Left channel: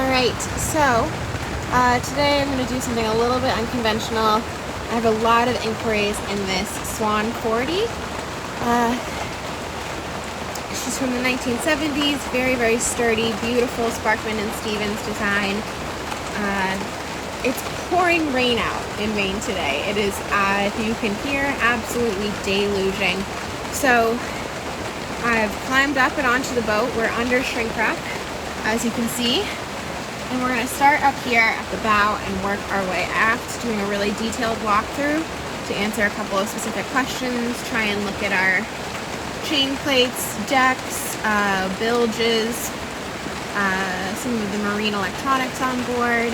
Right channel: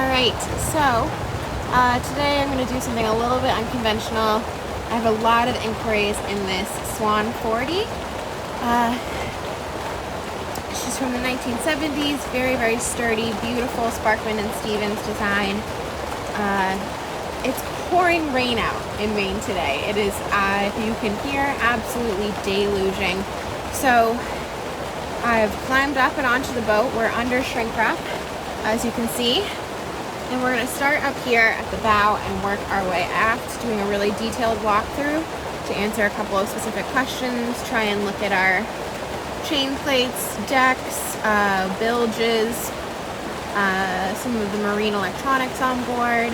Alright, so today I'm going to do something a little bit unconventional. I have a lot of inquiries in this Swan 40. She's from the 1970s, very, very sturdy, beautiful Sparkman and Stevens design. It's pouring rain out in Maine today. It is, if you can hear, absolutely deluging. So I've climbed up and onto the boat. We're under shrink wrap, as you can see. And we're going to start up here at the bow and work our way aft, doing a really detailed walkthrough to answer a couple of specific questions, try and look at our chain plates, decks, bilges, some of the marine electronics on board,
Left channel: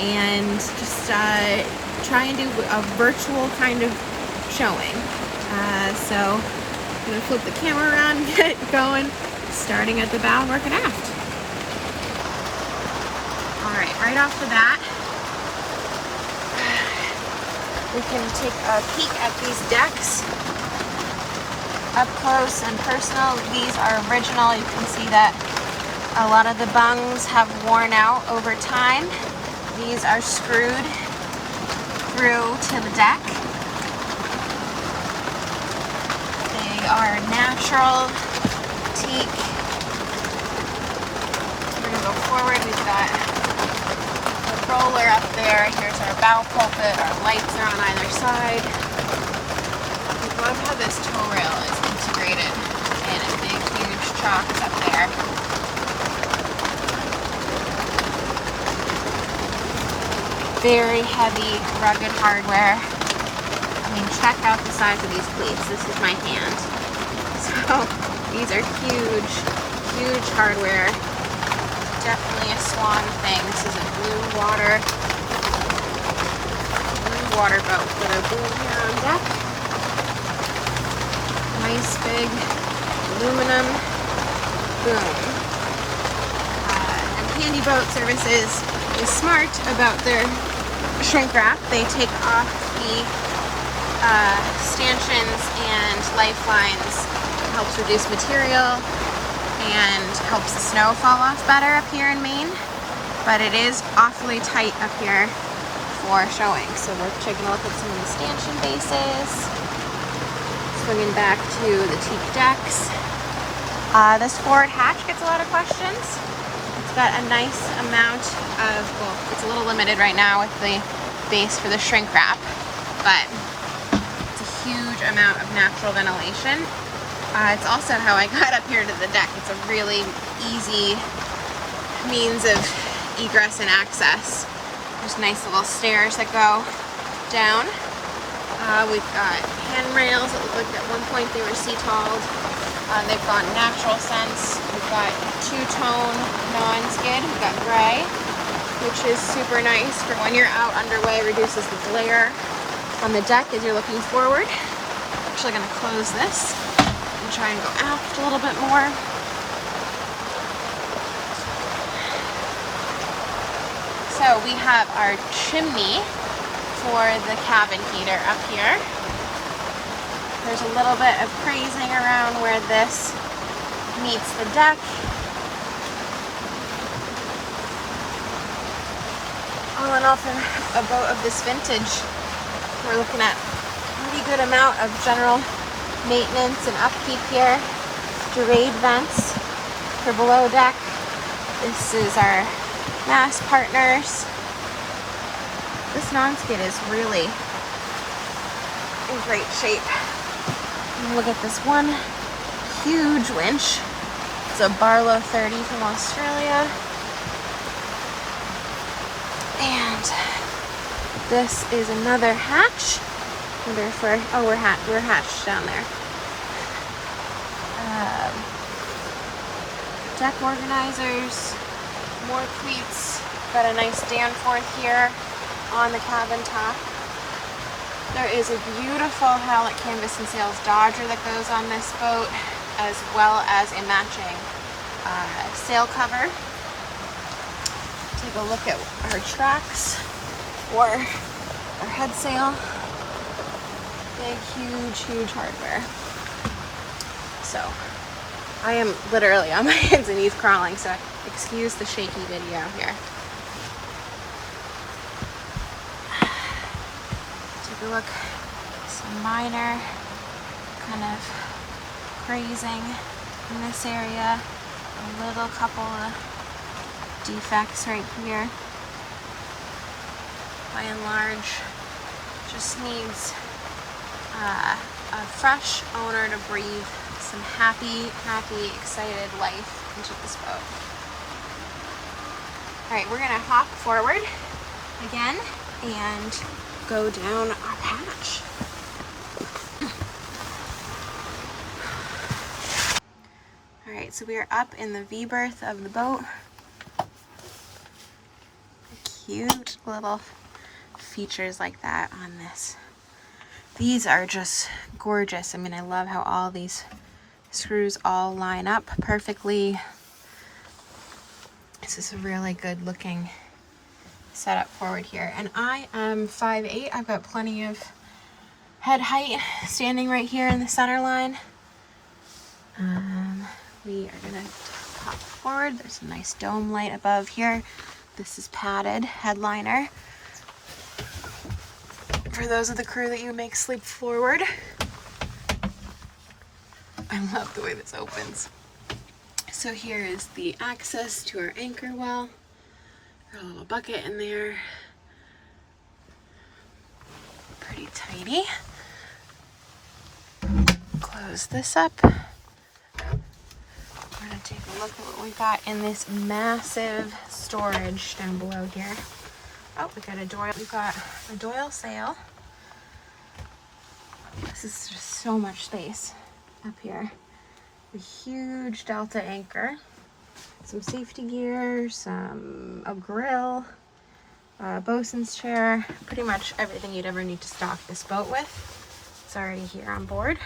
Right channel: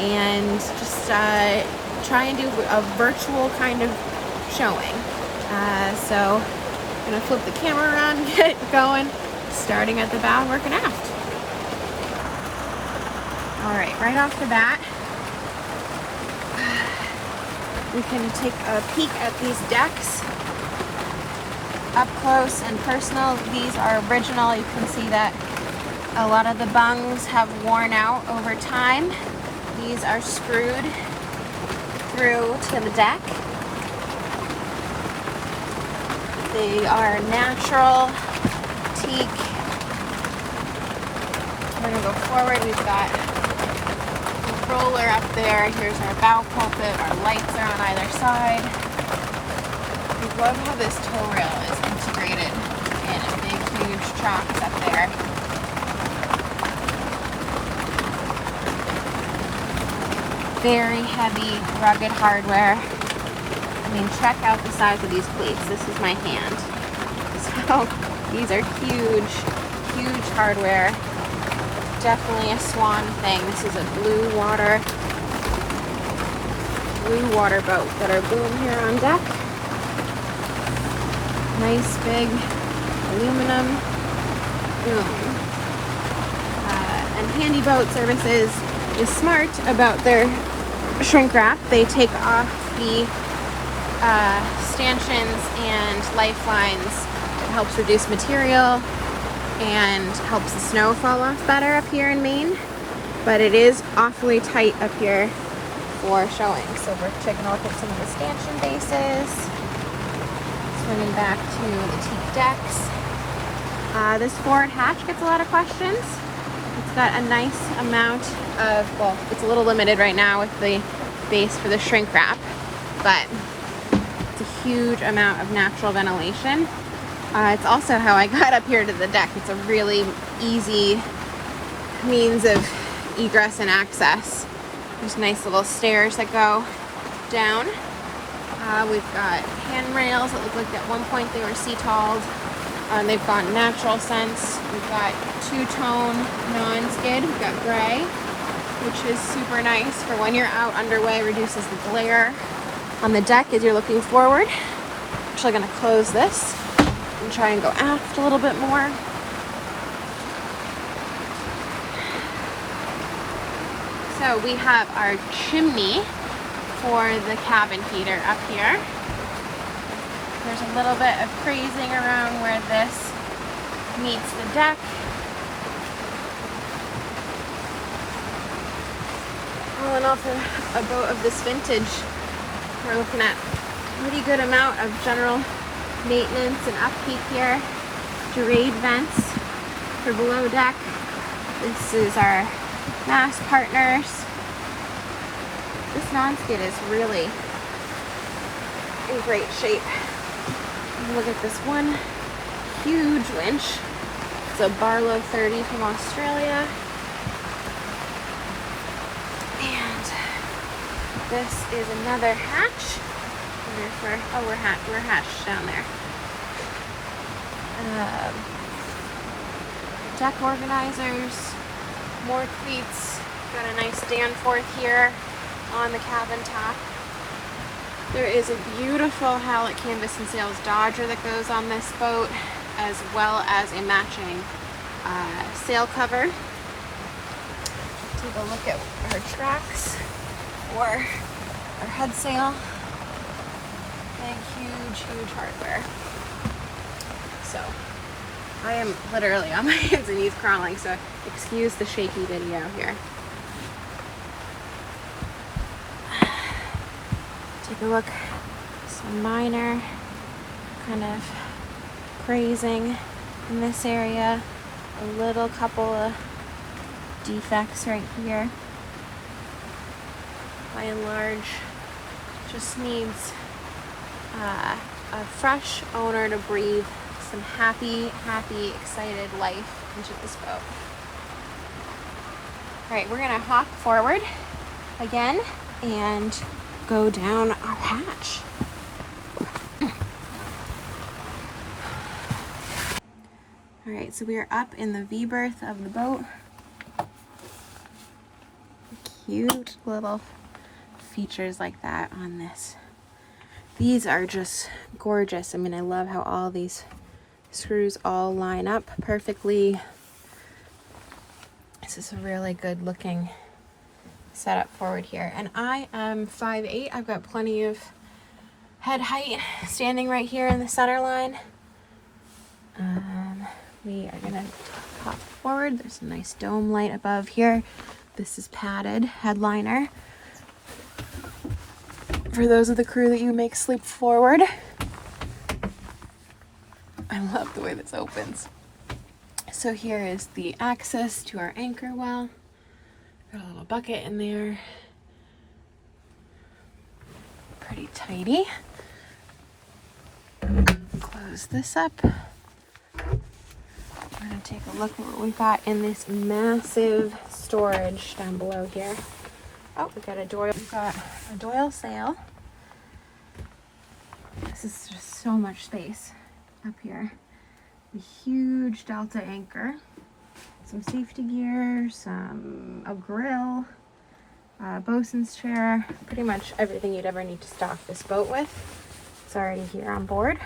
and just try and do a virtual kind of showing. So I'm going to flip the camera around and get it going, starting at the bow and working aft. Alright, right off the bat, we can take a peek at these decks up close and personal. These are original. You can see that a lot of the bungs have worn out over time. These are screwed through to the deck. They are natural teak. We're going to go forward. We've got roller up there. Here's our bow pulpit. Our lights are on either side. We love how this tow rail is integrated in a big, huge chocks up there. Very heavy, rugged hardware. I mean, check out the size of these cleats. This is my hand. So these are huge, huge hardware. Definitely a Swan thing. This is a blue water boat that are doing here on deck. Nice big aluminum boom. And Handy Boat Services is smart about their shrink wrap. They take off the stanchions and lifelines. It helps reduce material and helps the snow fall off better up here in Maine, but it is awfully tight up here for showing. So we're taking a look at some of the stanchion bases, swinging back to the teak decks. This forward hatch gets a lot of questions. It's got a nice amount of, well, it's a little limited right now with the base for the shrink wrap, but it's a huge amount of natural ventilation. It's also how I got up here to the deck. It's a really easy means of egress and access. There's nice little stairs that go down. We've got handrails that look like at one point they were sea-talled. They've got natural scents. We've got two-tone non-skid. We've got gray, which is super nice for when you're out underway. Reduces the glare on the deck as you're looking forward. So I'm going to close this and try and go aft a little bit more. So we have our chimney for the cabin heater up here. There's a little bit of crazing around where this meets the deck. All in all, for a boat of this vintage, we're looking at a really good amount of general maintenance and upkeep here. Durade vents for below deck. This is our mast partners. This non-skid is really in great shape. Look at this one huge winch. It's a Barlow 30 from Australia. And this is another hatch. We're hatched down there. Deck organizers, more cleats. Got a nice Danforth here on the cabin top. There is a beautiful Howlett canvas and sails Dodger that goes on this boat, as well as a matching sail cover. Take a look at our tracks for our head sail. Big, huge, huge hardware. So I am literally on my hands and knees crawling, so Excuse the shaky video here. Take a look. Some minor kind of grazing in this area. A little couple of defects right here. By and large, just needs a fresh owner to breathe some happy, excited life into this boat. All right, we're gonna hop forward again and go down our hatch. All right, so we are up in the V-berth of the boat. Cute little features like that on this. These are just gorgeous. I mean, I love how all these screws all line up perfectly. This is a really good looking setup forward here. And I am 5'8". I've got plenty of head height standing right here in the center line. We are gonna pop forward. There's a nice dome light above here. This is padded headliner. For those of the crew that you make sleep forward. I love the way this opens. So here is the access to our anchor well. Got a little bucket in there. Pretty tidy. Close this up. We're gonna take a look at what we've got in this massive storage down below here. Oh, we got a Doyle. We've got a Doyle sail. This is just so much space up here. A huge Delta anchor, some safety gear, a grill, bosun's chair, pretty much everything you'd ever need to stock this boat with. It's already here on board.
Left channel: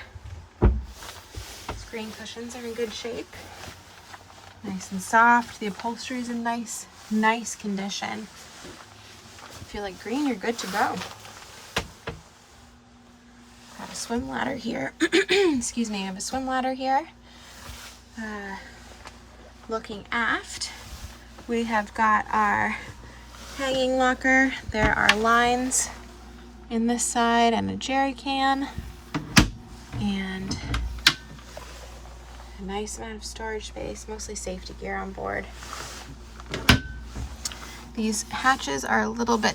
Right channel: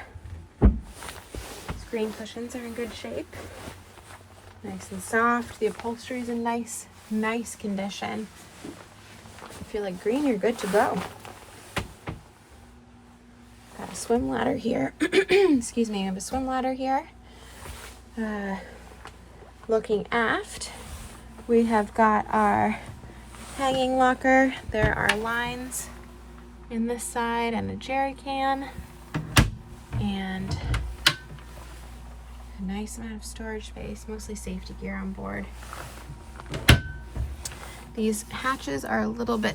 Screen cushions are in good shape. Nice and soft. The upholstery is in nice condition. If you like green, you're good to go. Got a swim ladder here. Excuse me, I have a swim ladder here. Looking aft, we have got our hanging locker. There are lines in this side and a jerry can. And a nice amount of storage space, mostly safety gear on board. These hatches are a little bit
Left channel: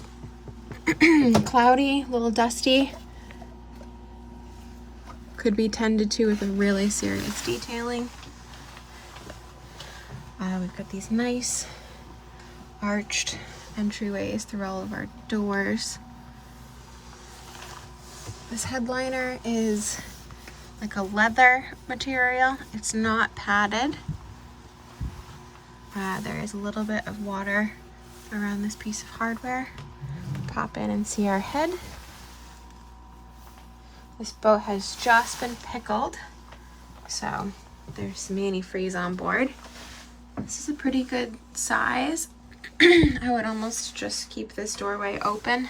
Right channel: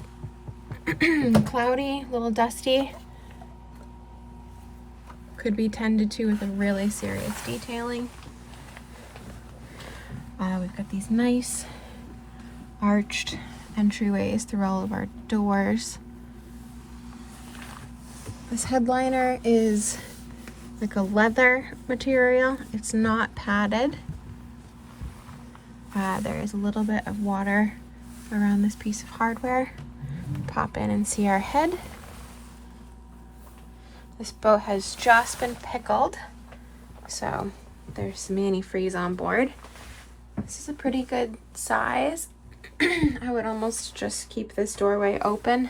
cloudy, a little dusty. Could be tended to with a really serious detailing. We've got these nice arched entryways through all of our doors. This headliner is like a leather material. It's not padded. There is a little bit of water around this piece of hardware. Pop in and see our head. This boat has just been pickled, so there's some antifreeze on board. This is a pretty good size. I would almost just keep this doorway open.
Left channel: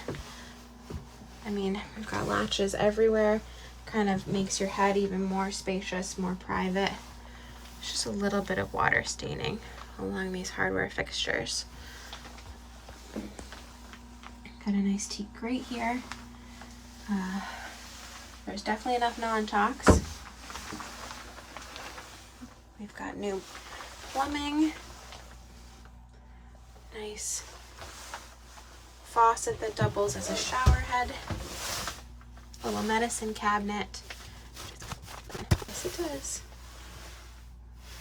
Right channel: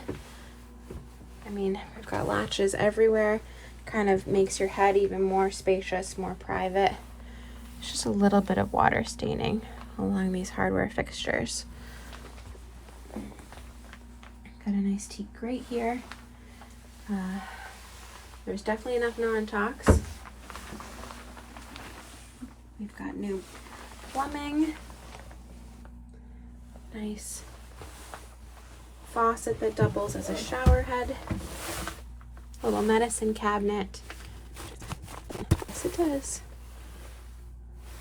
I mean, we've got latches everywhere. Kind of makes your head even more spacious, more private. It's just a little bit of water staining along these hardware fixtures. Got a nice teak grate here. There's definitely enough non-tox. We've got new plumbing. Nice faucet that doubles as a shower head. Little medicine cabinet. Yes, it is.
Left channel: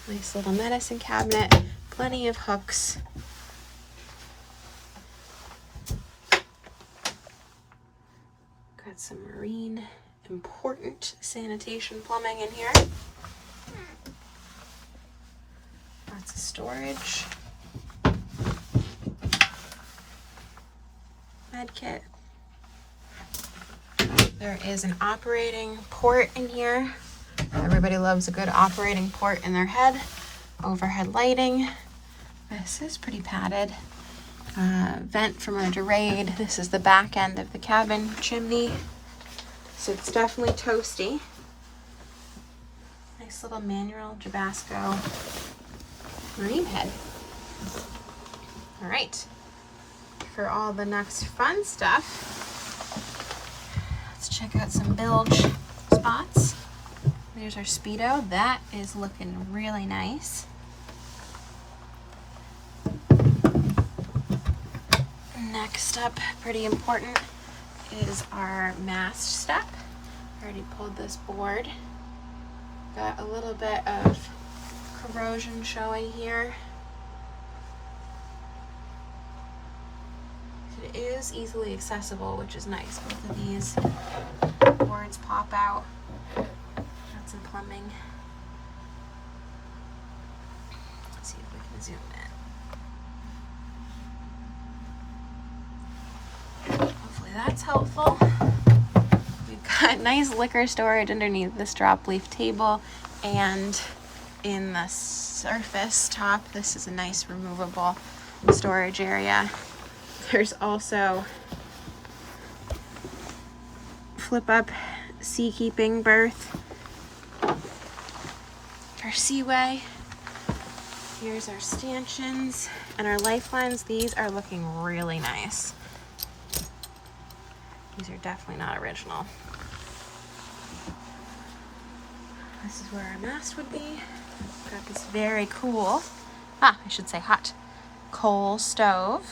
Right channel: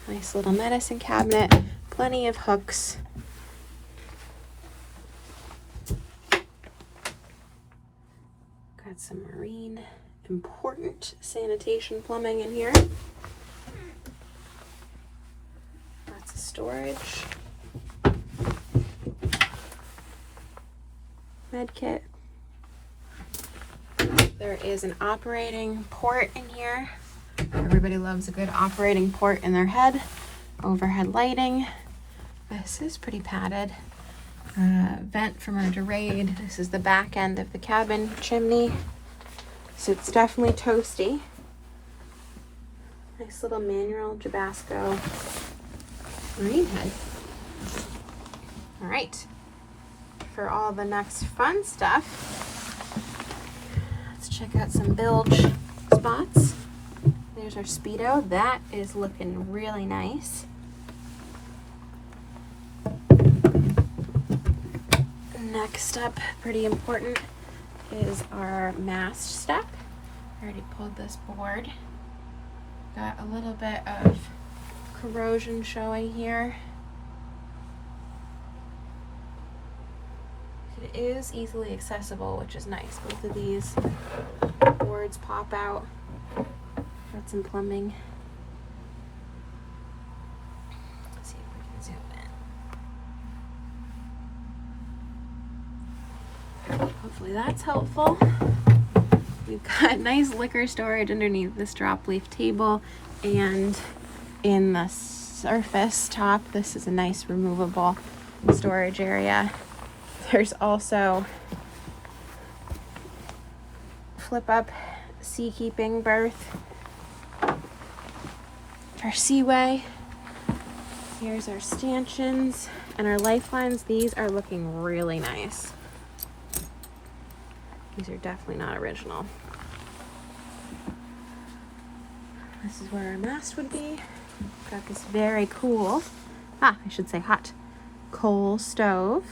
Nice little medicine cabinet. Plenty of hooks. Got some marine important sanitation plumbing in here. Lots of storage. Med kit. There is an operating port in here. Everybody loves a good operating port in their head. Overhead lighting. This is pretty padded. Vent from a Durade. This is the back end of the cabin chimney. So it's definitely toasty. Nice little manual Jabasco marine head. All right, for all the next fun stuff, let's check out some bilge spots. There's our Speedo. That is looking really nice. Next up, pretty important, is our Mast Step. I already pulled this board. Got a little bit of corrosion showing here. It is easily accessible, which is nice. Both of these boards pop out. Got some plumbing. Let's see if we can zoom in. Hopefully that's helpful. We've got nice liquor storage underneath this drop leaf table, and in the surface top, this is a nice removable storage area. There's also flip up seakeeping berth for seaway. Here's our stanchions and our lifelines. These are looking really nice. These are definitely not original. This is where our mast would be. Got this very cool, I should say hot, coal stove.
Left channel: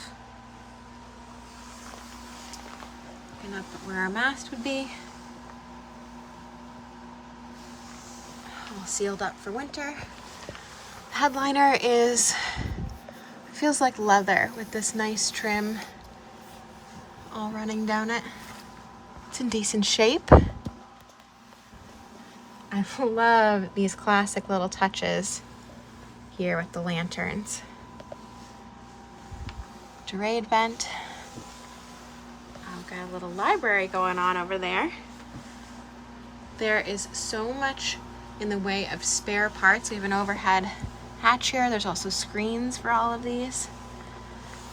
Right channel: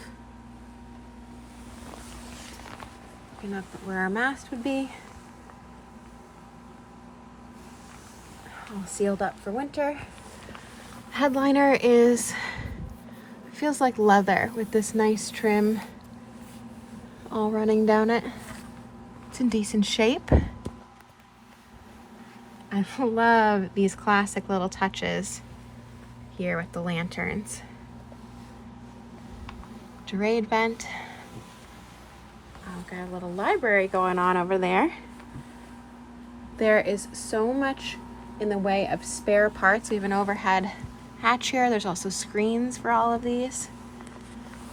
Looking up at where our mast would be. All sealed up for winter. Headliner feels like leather with this nice trim all running down it. It's in decent shape. I love these classic little touches here with the lanterns. Durade vent. I've got a little library going on over there. There is so much in the way of spare parts. We have an overhead hatch here. There's also screens for all of these.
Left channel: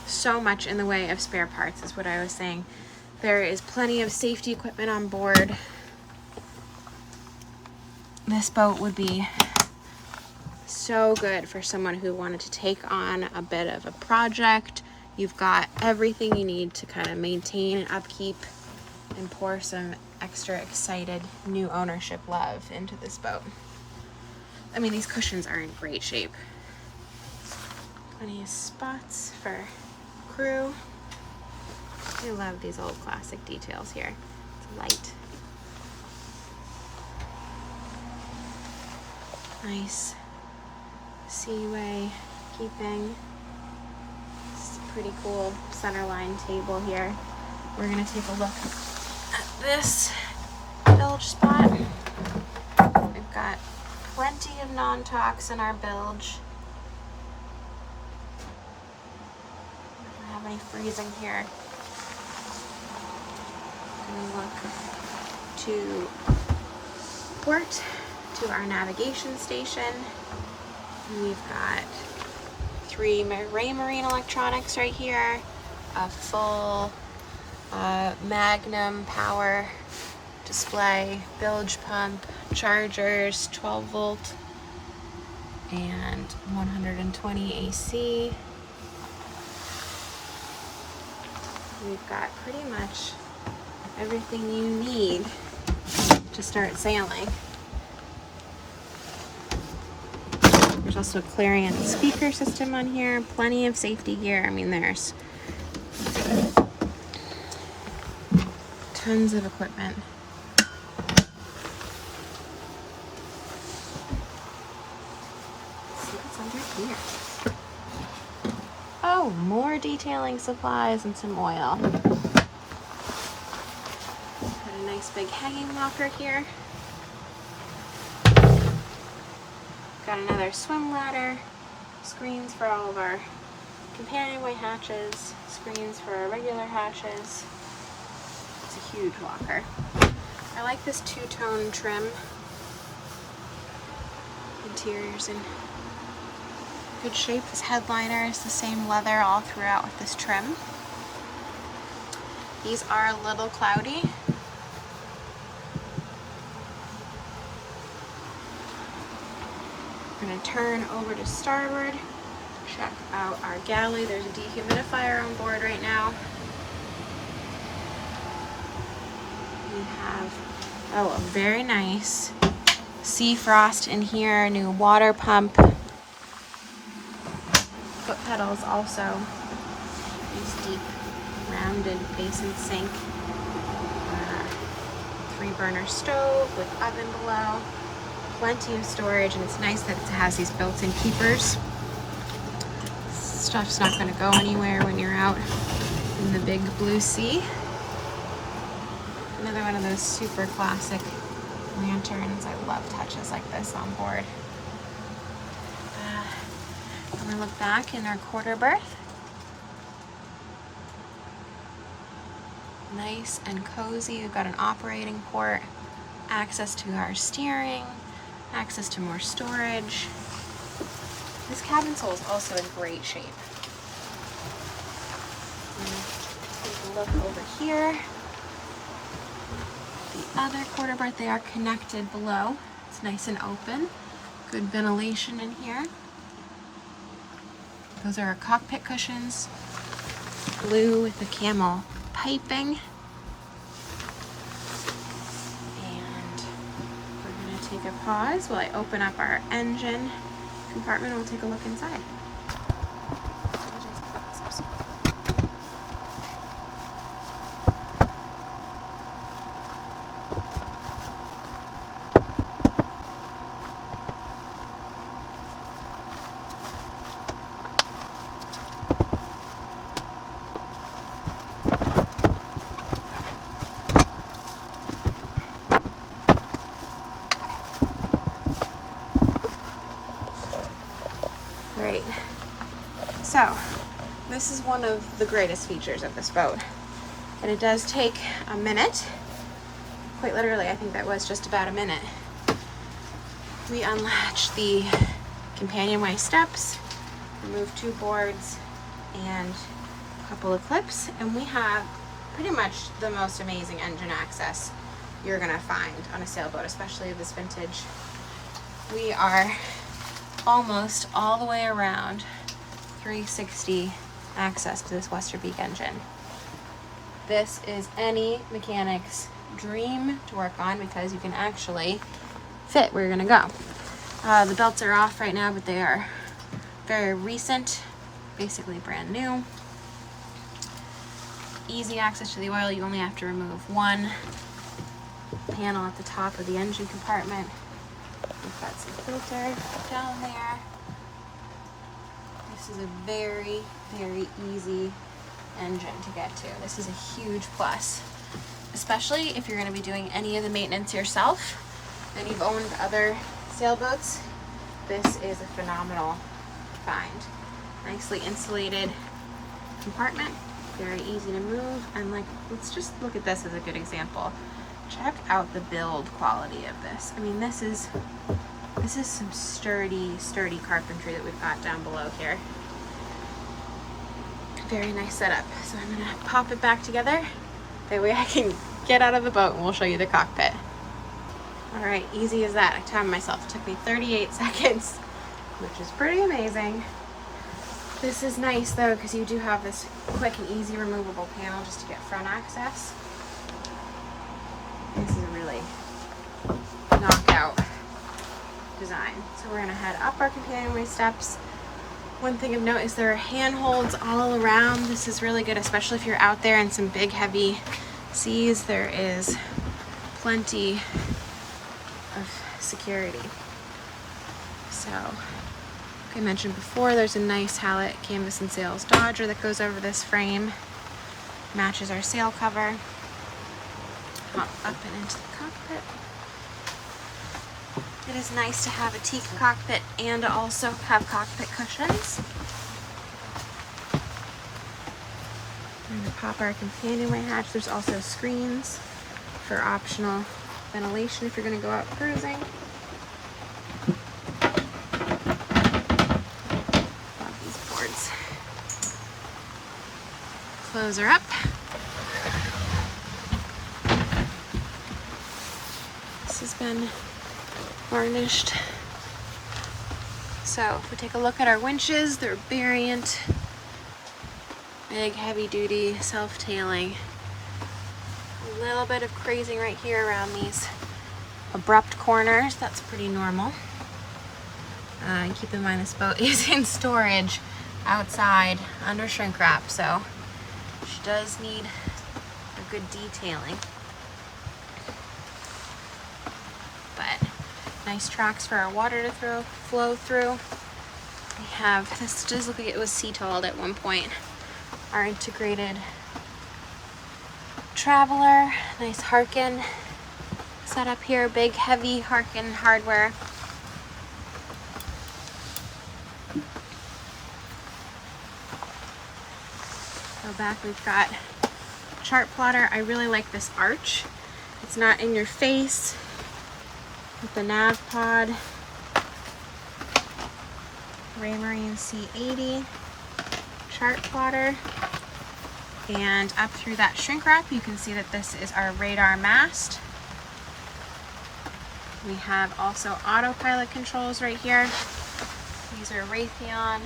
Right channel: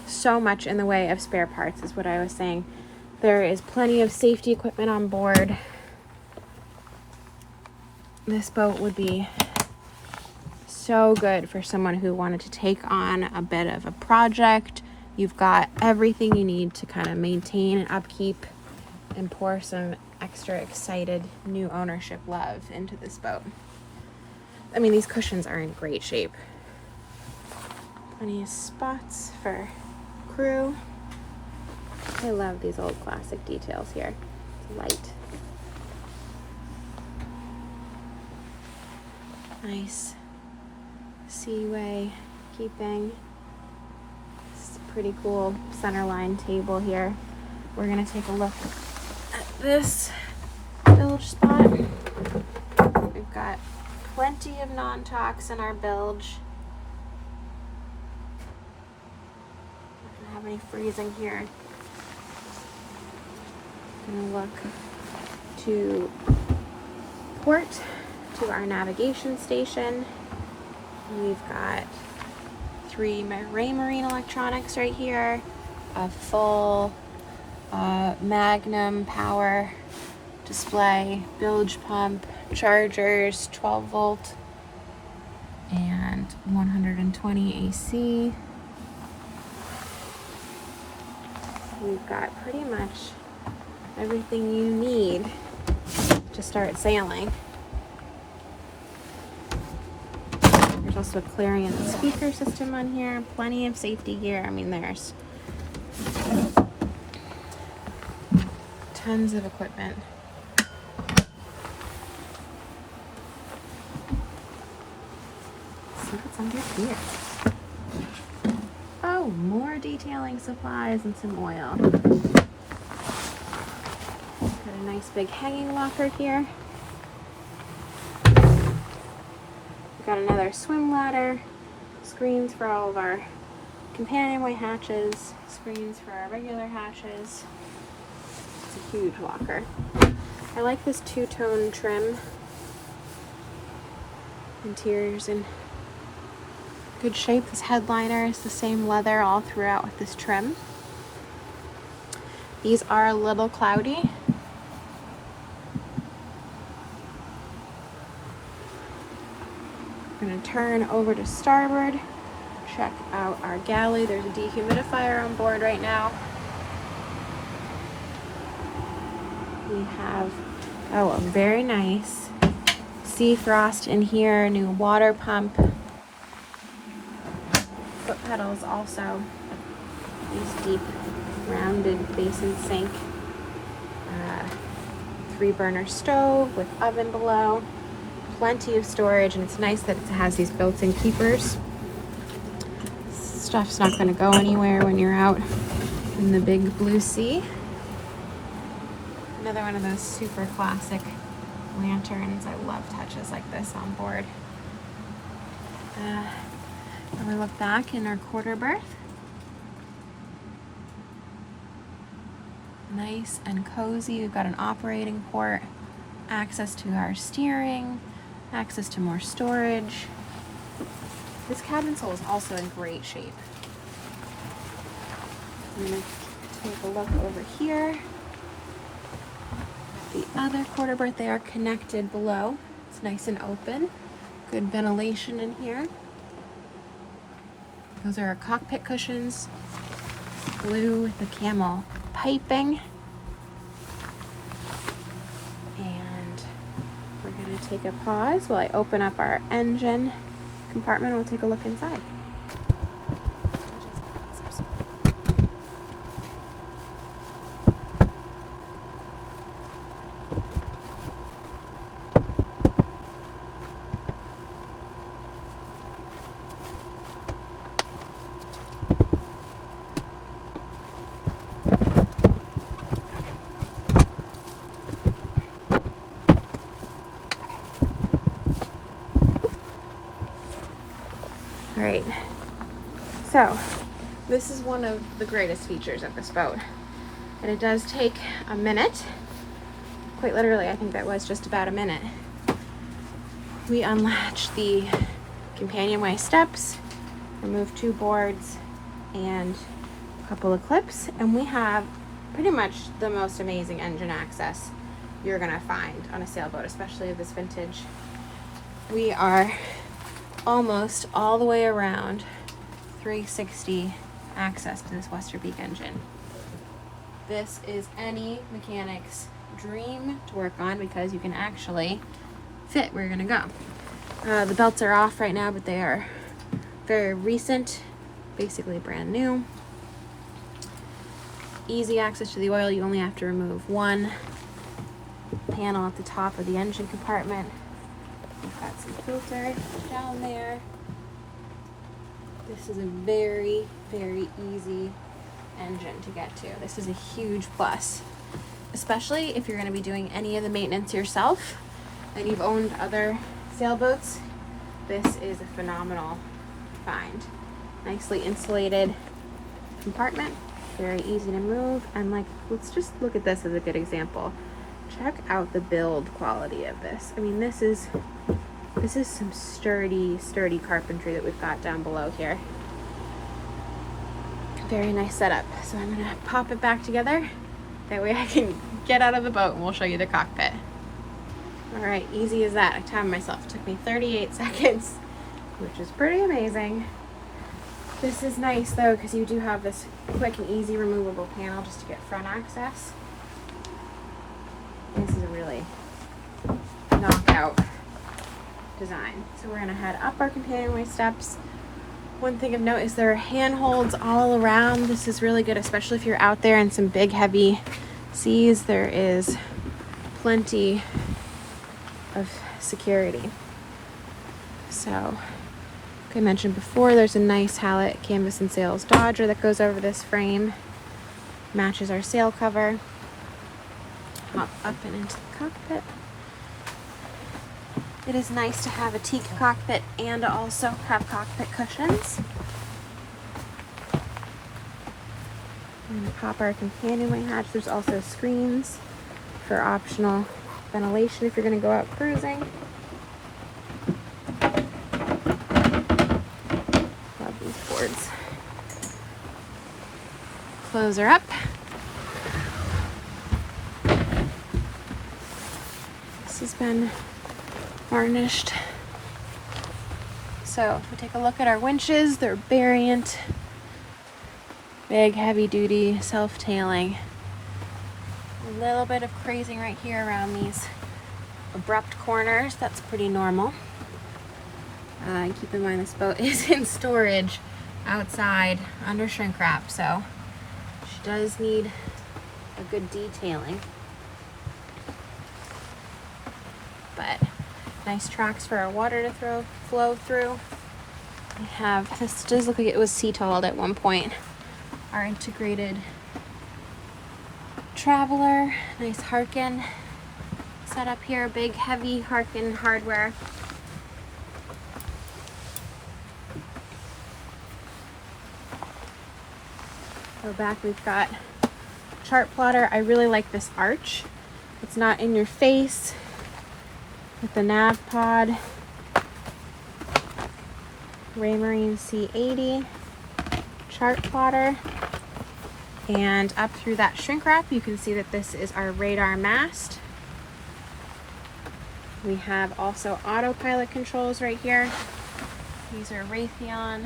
So much in the way of spare parts is what I was saying. There is plenty of safety equipment on board. This boat would be so good for someone who wanted to take on a bit of a project. You've got everything you need to kind of maintain and upkeep and pour some extra excited new ownership love into this boat. I mean, these cushions are in great shape. Plenty of spots for crew. I love these old classic details here. It's light. Nice seaway keeping. It's a pretty cool centerline table here. We're gonna take a look at this bilge spot. We've got plenty of non-tox in our bilge. Not gonna have any freezing here. Gonna look to port, to our navigation station. We've got 3 marine electronics right here, a full Magnum power display, bilge pump, chargers, 12 volt and 120 AC. We've got pretty much everything you need to start sailing. There's also a Clarion speaker system on here, plenty of safety gear. I mean, there's tons of equipment. Let's see what's under here. Oh, more detailing supplies and some oil. Got a nice big hanging locker here. Got another swim ladder, screens for all of our companionway hatches, screens for our regular hatches. It's a huge locker. I like this two-tone trim. Interior's in good shape. This headliner is the same leather all throughout with this trim. These are a little cloudy. We're going to turn over to starboard, Check out our galley. There's a dehumidifier on board right now. We have, a very nice sea frost in here, new water pump. Foot pedals also. Nice deep rounded basin sink. 3-burner stove with oven below. Plenty of storage, and it's nice that it has these built-in keepers. Stuff's not going to go anywhere when you're out in the big blue sea. Another one of those super classic lanterns. I love touches like this on board. And we look back in our quarter berth. Nice and cozy. We've got an operating port, access to our steering, access to more storage. This cabin sole is also in great shape. Take a look over here. The other quarter berth, they are connected below. It's nice and open. Good ventilation in here. Those are our cockpit cushions. Blue with the camel piping. And we're going to take a pause while I open up our engine compartment. We'll take a look inside. Great. So, this is one of the greatest features of this boat. And it does take a minute. Quite literally, I think that was just about a minute. We unlatch the Companionway Steps, remove 2 boards and a couple of clips, and we have pretty much the most amazing engine access you're gonna find on a sailboat, especially this vintage. We are almost all the way around 360 access to this Westerbeek engine. This is any mechanic's dream to work on because you can actually fit where you're gonna go. The belts are off right now, but they are very recent, basically brand new. Easy access to the oil. You only have to remove one panel at the top of the engine compartment. We've got some filters down there. This is a very, very easy engine to get to. This is a huge plus, especially if you're going to be doing any of the maintenance yourself and you've owned other sailboats. This is a phenomenal find. Nicely insulated compartment, very easy to move, and like, let's just look at this as a good example. Check out the build quality of this. I mean, this is some sturdy carpentry that we've got down below here. Very nice setup. So I'm gonna pop it back together. That way I can get out of the boat and we'll show you the cockpit. All right, easy as that. I timed myself. It took me 38 seconds, which is pretty amazing. This is nice though, because you do have this quick and easy removable panel just to get front access. This is a really knockout design. So we're gonna head up our Companionway Steps. One thing of note is there are handholds all around. This is really good, especially if you're out there in some big heavy seas. There is plenty of security. So, like I mentioned before, there's a nice Hallett Canvas and Sails Dodger that goes over this frame. Matches our sail cover. Hop up and into the cockpit. It is nice to have a teak cockpit and also have cockpit cushions. We're going to pop our companionway hatch. There's also screens for optional ventilation if you're going to go out cruising. Love these boards. Clothes are up. This has been varnished So if we take a look at our winches, they're variant, big, heavy duty, self-tailing. A little bit of crazing right here around these abrupt corners. That's pretty normal. And keep in mind this boat is in storage outside under shrink wrap, so she does need a good detailing. But nice tracks for our water to flow through. We have, this does look like it was sea-tolled at one point. Our integrated traveler, nice Harkin setup here, big heavy Harkin hardware. Go back, we've got chart plotter. I really like this arch. It's not in your face with the nav pod. Raymarine C80 chart plotter. And up through that shrink wrap, you can see that this is our radar mast. We have also autopilot controls right here. These are Raytheon.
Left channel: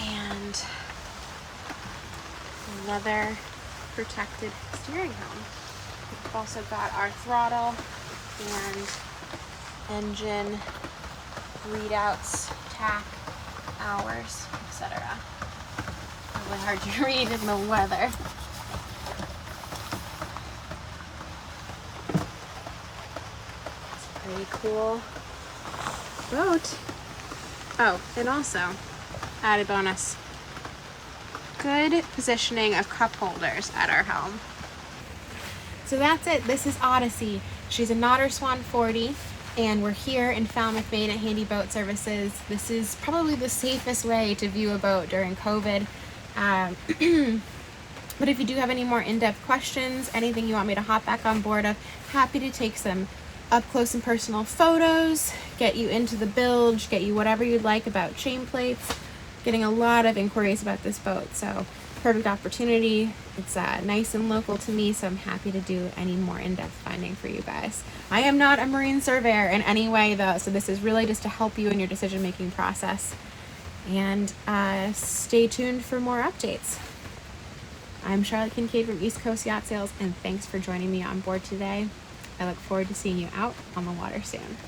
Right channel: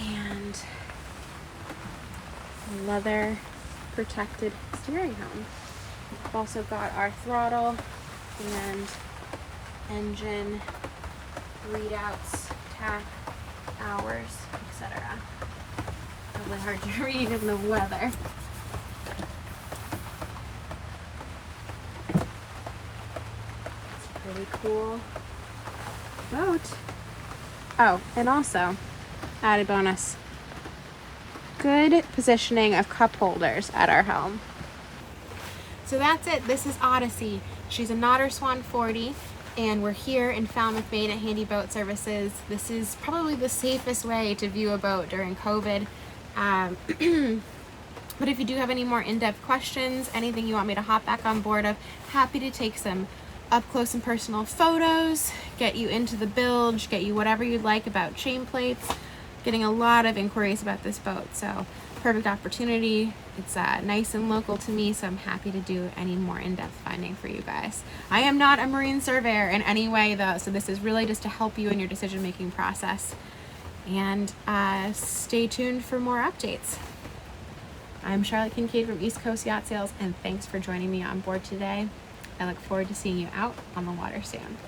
And leather protected steering helm. We've also got our throttle and engine readouts, tach, hours, etc. Probably hard to read in the weather. It's a really cool boat. Oh, and also, added bonus, good positioning of cup holders at our helm. So that's it. This is Odyssey. She's a Nodder Swan 40, and we're here in Falmouth, Maine at Handy Boat Services. This is probably the safest way to view a boat during COVID. But if you do have any more in-depth questions, anything you want me to hop back on board of, happy to take some up close and personal photos, get you into the bilge, get you whatever you'd like about chain plates. Getting a lot of inquiries about this boat, so perfect opportunity. It's nice and local to me, so I'm happy to do any more in-depth finding for you guys. I am not a marine surveyor in any way though, so this is really just to help you in your decision-making process. And stay tuned for more updates. I'm Charlotte Kinkade from East Coast Yacht Sales, and thanks for joining me on board today. I look forward to seeing you out on the water soon.